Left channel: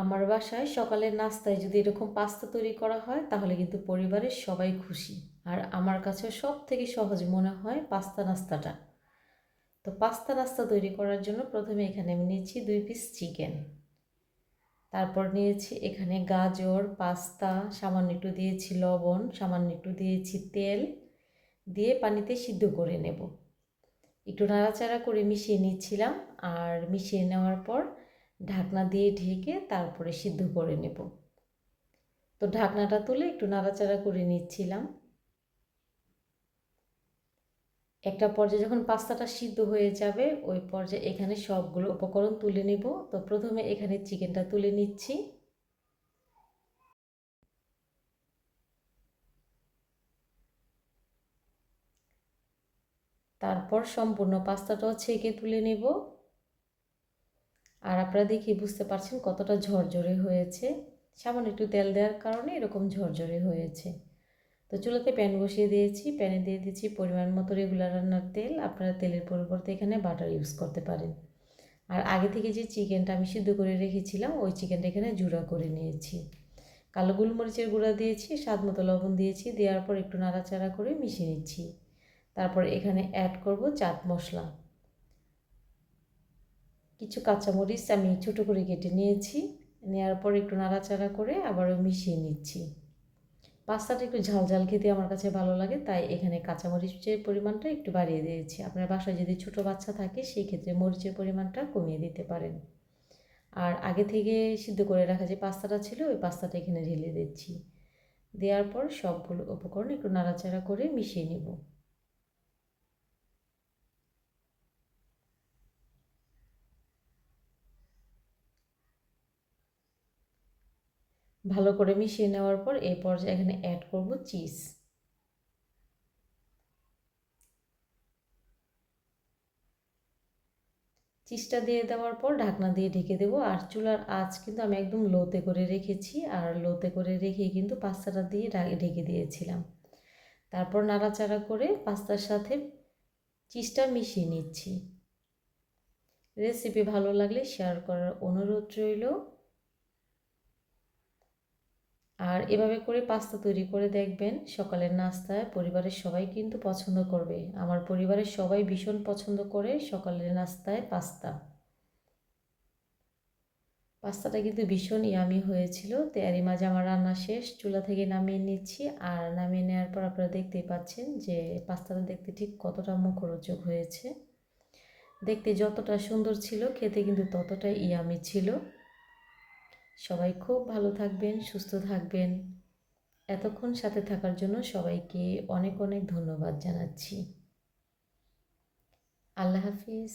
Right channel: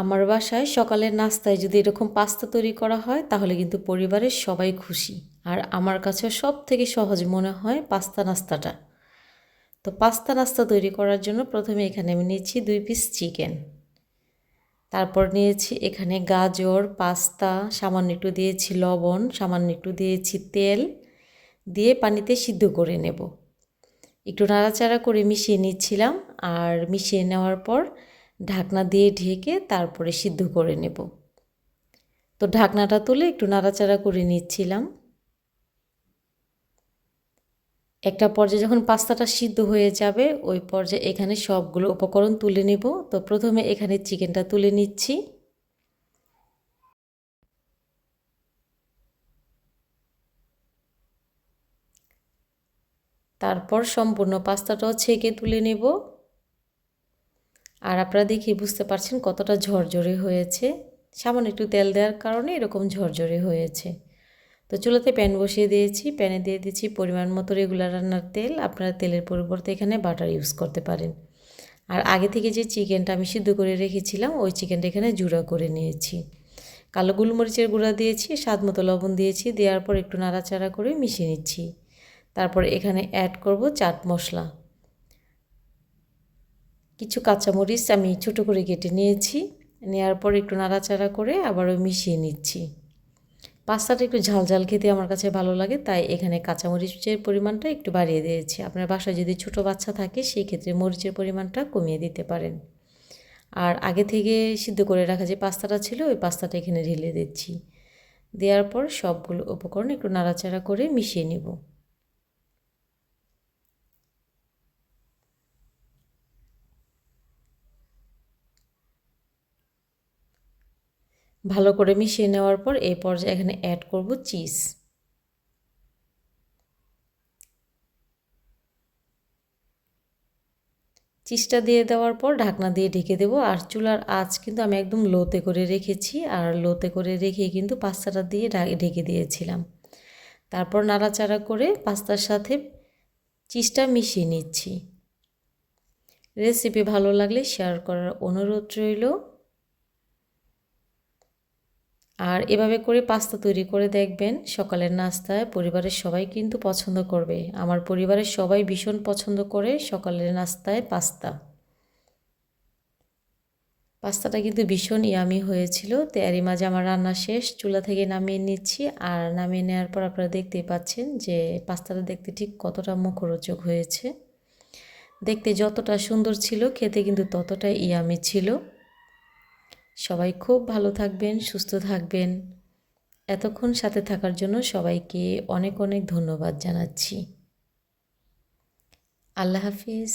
আমার বাসায় সকালের নাস্তায় যদি এরকম পাস্তা তৈরি করা হয়, তাহলে কিন্তু পরিবারের সবাই খুশি। আর আমার কাছে সব থেকে সহজ মনে হয় পাস্তা নাস্তাটা। তো পাস্তা নাস্তা তৈরি করার জন্য প্রথমে এখানে আমি নিয়েছি দুই পিস চিকেন তারপর নিয়েছি এখানে গাজর, পাস্তা, সামান্য একটু দিয়েছি লবণ, সামান্য একটু দিয়েছি তেল। দিয়ে পানিতে সিদ্ধ করে নেব। একটু নাড়াচাড়া করে মিশিয়ে নিচ্ছিলাম। আর মিশিয়ে নেওয়ার পর ঢাকনা দিয়ে ঢেকে তারপরে সিদ্ধ করে নেব। তো ঢাকনাটা তুলে একটু নাড়াচাড়া করে নিচ্ছিলাম। একটা পর্যায়ে যখন পাস্তাটা সিদ্ধ হয়ে যাবে, ওই পর্যায়ে এখানে সবগুলো উপকরণ তুলে নেব। তো প্রথমে এখানে চিকেনটা তুলে নিচ্ছি। তারপর সম্পূর্ণ পাস্তাটাও ছেঁকে তুলে নেব। আর আপনারা দেখি বুঝতে পারছেন কতটা ঝরঝরে হয়েছে। সামান্য একটু তেল দেওয়ার কারণে এরকম ঝরঝরে হয়েছে। তো চুলাতে প্যান বসিয়ে দিয়েছি। প্যানে দিয়ে দিয়েছি পরিমাণ মতো রেগুলার রান্নার তেল। আপনারা তেলের পরিবর্তে এখানে বাটার ইউজ করতে পারেন। আর আগে থেকে যে চিকেনটা আমি সিদ্ধ করে রেখেছিলাম, ওই চিকেনটা এখানে জুড়া করে নিয়েছি। কালো গোলমরিচের গুঁড়া দিয়েছি, স্বাদ মতো লবণ দিয়েছি, দেওয়ার পর একটু নাড়াচাড়া করে মিশিয়ে নিচ্ছি। তারপর এখানে অ্যাড করব চাট মশলা। কিছু কাঁচামরিচ আমি ছোটো করে কেটে নিয়েছি। নেওয়ার পর একটু নাড়াচাড়া করে আবারও মিশিয়ে নিচ্ছি। পাস্তাটা একটু ঝাল ঝাল খেতে আমার কাছে ভালো লাগে, তাই এখানে কাঁচামরিচের পরিমাণটা একটু বাড়িয়ে দিয়েছি। আপনার বাসায় যদি ছোট বাচ্চা থাকে, সেই ক্ষেত্রে মরিচের পরিমাণটা কমিয়ে দিতে পারেন। আর আগে থেকে সিদ্ধ করে রাখা যে পাস্তাটা ছিল, ওই পাস্তাটা এখানে ঢেলে দিচ্ছি। দেওয়ার পর সবগুলো উপকরণ একটু নাড়াচাড়া করে মিশিয়ে নেব। ভালো করে মিশিয়ে নেওয়ার পর এই পর্যায়ে এখানে অ্যাড করব চিজ চিজটা দিয়ে দেওয়ার পর ঢাকনা দিয়ে ঢেকে দেবো। আর চুলার আঁচ কিন্তু আমি একদম লোতে করে রেখেছি। আর লোতে করে রেখে কিন্তু পাস্তাটা দিয়ে ঢেকে দিয়েছিলাম। তারপর নাড়াচাড়া করে পাস্তার সাথে চিজটা মিশিয়ে নিচ্ছি। রেসিপি ভালো লাগলে শেয়ার করার অনুরোধ রইল। আর এভাবে করে পাস্তা তৈরি করে দেখবেন সকালের নাস্তায় পরিবারের সবাই কিন্তু পছন্দ করবে। আমার পরিবারের সবাই ভীষণ পছন্দ করে সকালের নাস্তায় পাস্তা। পাস্তাটা কিন্তু ভীষণ ইয়ামি হয়েছিল। তো এরই মাঝে আমার রান্না শেষ। চুলা থেকে নামিয়ে নিচ্ছি। আর নামিয়ে নেওয়ার পর আপনারা দেখতেই পাচ্ছেন যে পাস্তাটা দেখতে ঠিক কতটা মুখরোচক হয়েছে। দেখতে যতটা সুন্দর ছিল, খেতে কিন্তু ততটাই ইয়ামি ছিল। সবাই খুব ভালো থাকবেন, সুস্থ থাকবেন। এতক্ষণ সাথে থাকার জন্য সবাইকে অনেক অনেক ধন্যবাদ জানাচ্ছি। আল্লাহ হাফিজ।